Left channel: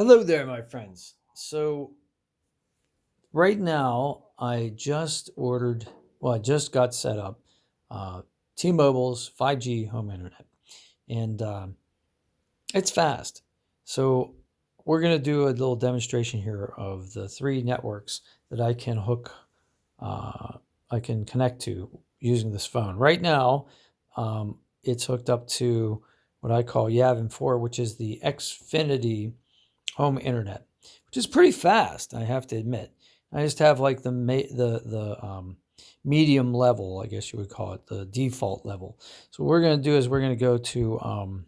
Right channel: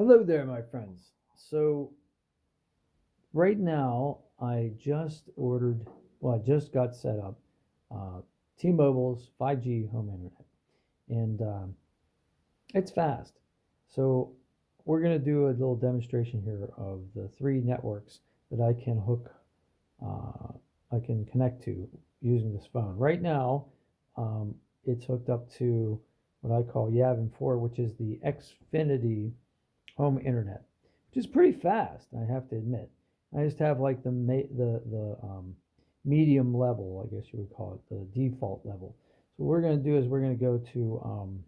Hello there, my friends. So, right now, I just I just got set up T-Mobile's 5G home internet, and it's fast. So, we're going to do a little demonstration here of the three networks that uh, I can connect to using this phone. Right now, it's hooked up to what I call Yavin 4, which is the Xfinity home internet, which is pretty fast, I have to admit. I just have like the medium level, I guess you would call it, the default level. So what we're going to do is we're going to go to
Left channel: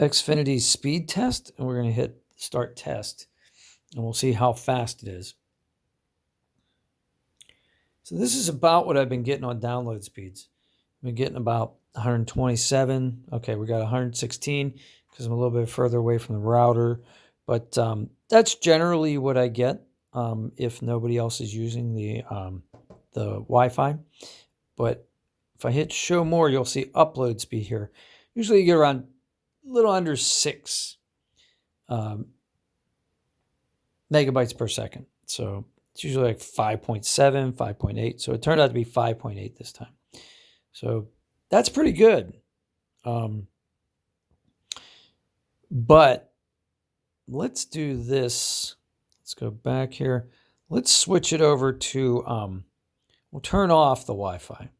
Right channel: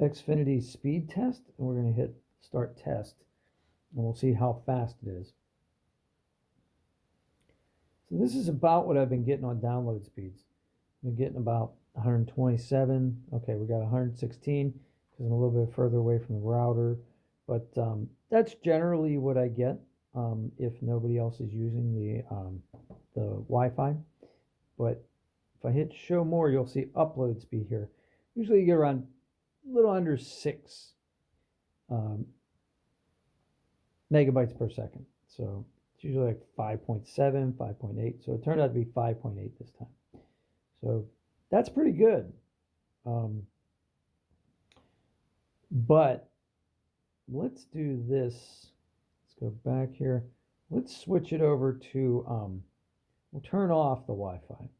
Xfinity speed test, and we're going to hit start test, and we'll see how fast it is. So this is about what I've been getting on download speeds. I've been getting about 127. Okay, we got 116 because I'm a little bit further away from the router. But that's generally what I get if nobody else is using the Wi-Fi. But if I hit show more, you'll see upload speed here. Usually you get around a little under 6 megabytes per second. So it's usually like 5.7, 5.8. So it turned out to be 5.8 this time. So that's pretty good. But let's do this. Let's go back here. Let's switch it over to, we'll turn off the Wi-Fi and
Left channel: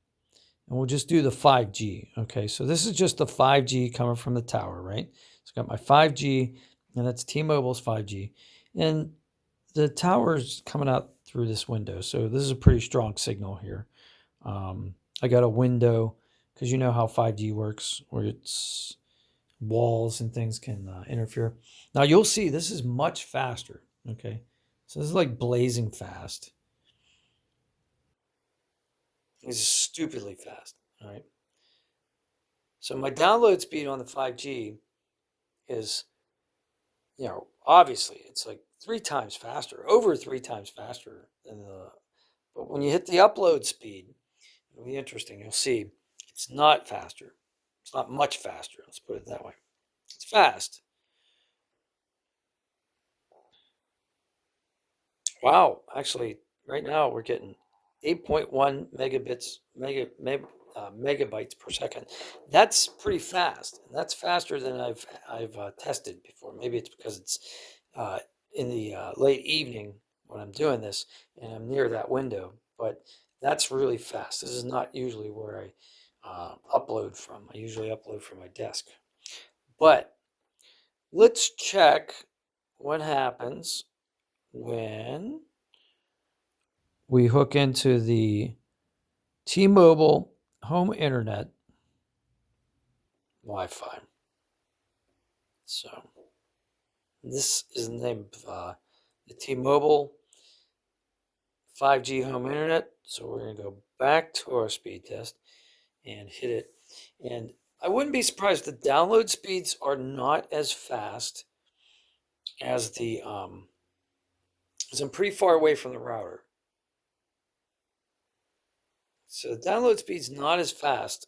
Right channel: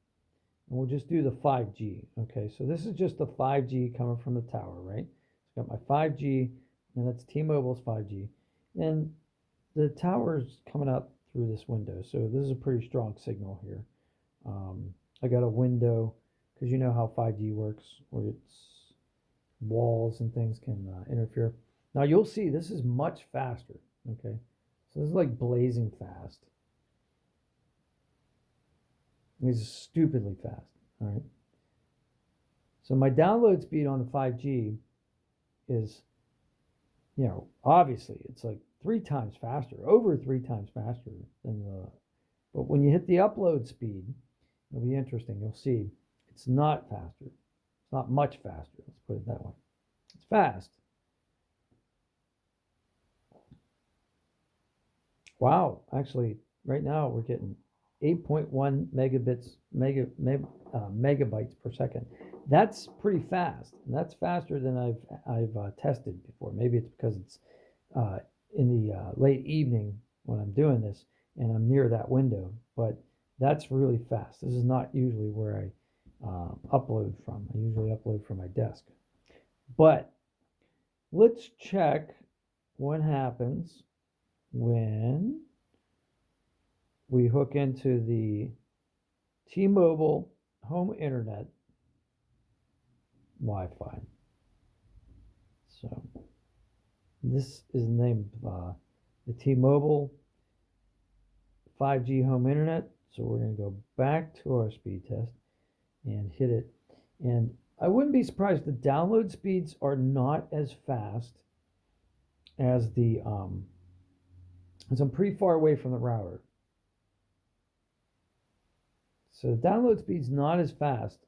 we'll just do the 5G. Okay, so this is just the 5G coming from the tower, right? So I've got my 5G, and that's T-Mobile's 5G. And the tower's coming out through this window. So this is a pretty strong signal here. I got a window because you know how 5G works, where it's walls and things can interfere. Now you'll see this is much faster. Okay, so this is like blazing fast. It's stupidly fast. All right. So my download speed on the 5G is, obviously it's like 3 times faster, over 3 times faster than the. But when you hit the upload speed, it'll be interesting. You'll see it's not faster. It's not much faster. Let's put it that way. It's fast. Wow. Actually, right now we're getting 8.1 megabytes per second. That's pretty fast, and that's faster than I've tested before. Maybe it's because it's in the late evening when I'm doing this, and I'm near that window. But that's really fast. This is not usually where I upload from. I usually upload from my desk. But let's check what happens when we hook into the T-Mobile home internet Wi-Fi. So this is the name of the T-Mobile 5G home internet. So we're going to go back to our speed test and hit it. And I wouldn't be surprised if the download speeds are not as fast as the, because I'm pretty far away from the router. So the download speed's not as fast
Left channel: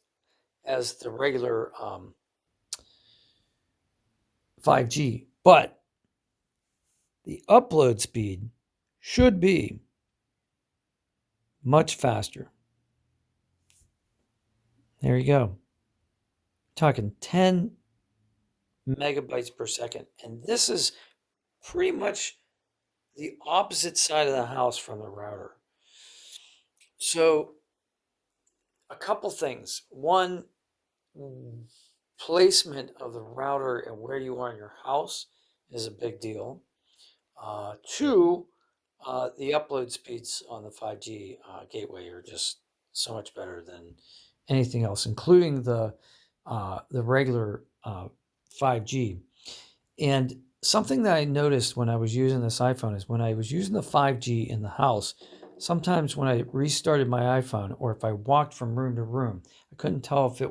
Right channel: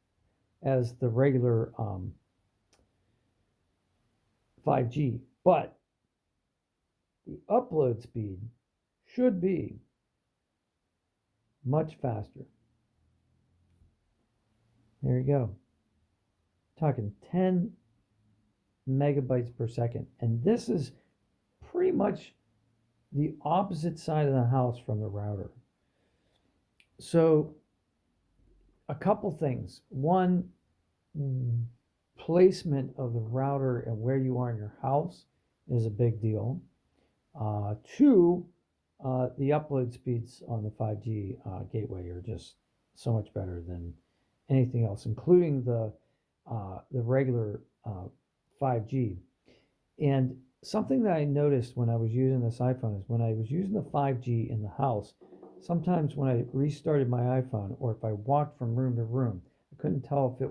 as the regular 5G, but the upload speed should be much faster. There you go. Talking 10 megabytes per second. And this is pretty much the opposite side of the house from the router. So a couple things. One, placement of the router and where you are in your house is a big deal. Two, the upload speeds on the 5G gateway are just so much better than anything else, including the regular 5G. And something that I noticed when I was using this iPhone is when I was using the 5G in the house, sometimes when I restarted my iPhone or if I walked from room to room, I couldn't tell if it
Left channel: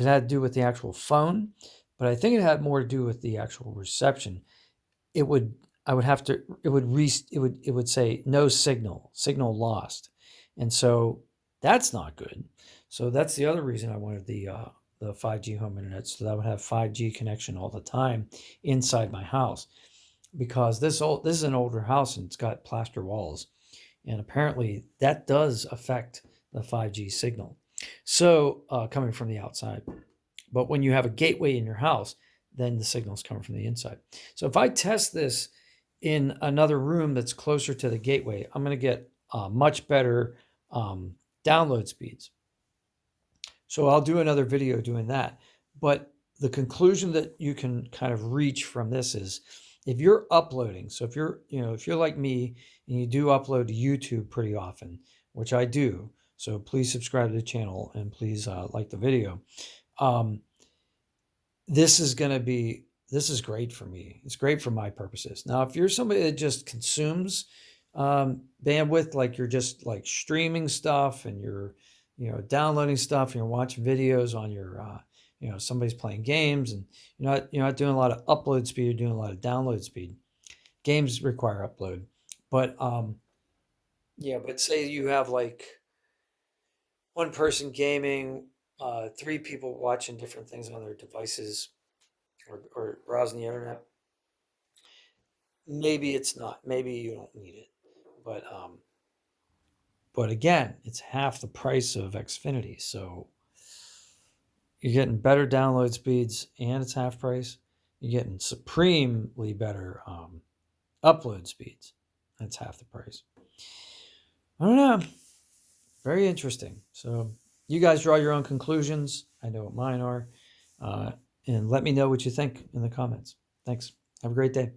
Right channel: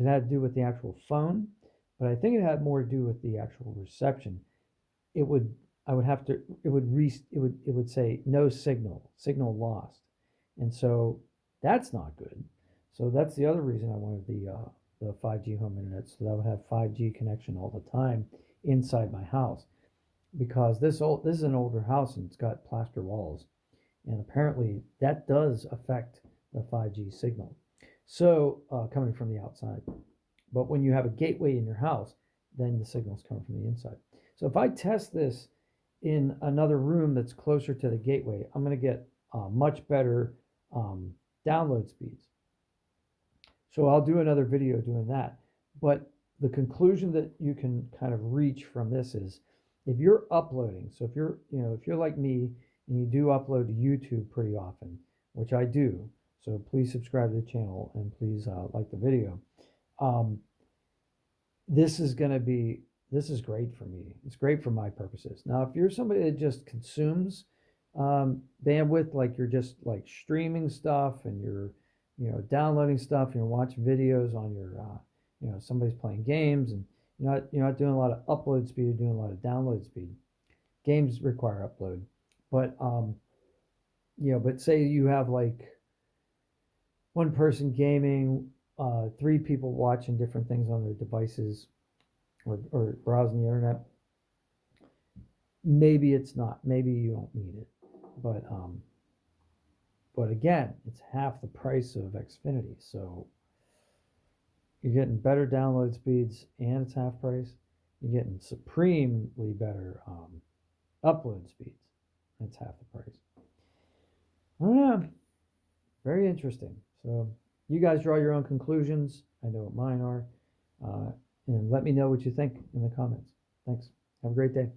had to do with the actual phone, but I think it had more to do with the actual reception. It would say no signal lost. And so that's not good. So that's the other reason I wanted the the 5G home internet so that I would have 5G connection all the time inside my house. Because this is an older house and it's got plaster walls, and apparently that does affect the 5G signal. So coming from the outside, but when you have a gateway in your house, then the signal's coming from the inside. So if I test this in another room that's closer to the gateway, I'm going to get much better download speeds. So I'll do another video doing that. But the conclusion that you can kind of reach from this is, if you're uploading, so if you're like me and you do upload to YouTube pretty often, which I do, so please subscribe to the channel and please like the video. This is great for me. It's great for my purposes. Now, if you're somebody that just consumes bandwidth, like you're just like streaming stuff and you're downloading stuff and you're watching videos on your somebody's playing games and you're not doing a lot of upload speed, you're doing a lot of download speed. Games require upload, but but say you have like one person gaming, 3 people watching different things on their devices or browsing the internet. Maybe it's not. Maybe you don't need it. But again, it's half the price of Xfinity. So you're getting better download speeds and it's half price. You're getting supremely better upload speeds. That's half the price. I don't know. Very interesting. So you guys draw your own conclusions. I know what mine are. And let me know what you think in the comments. Thanks. Have a great day.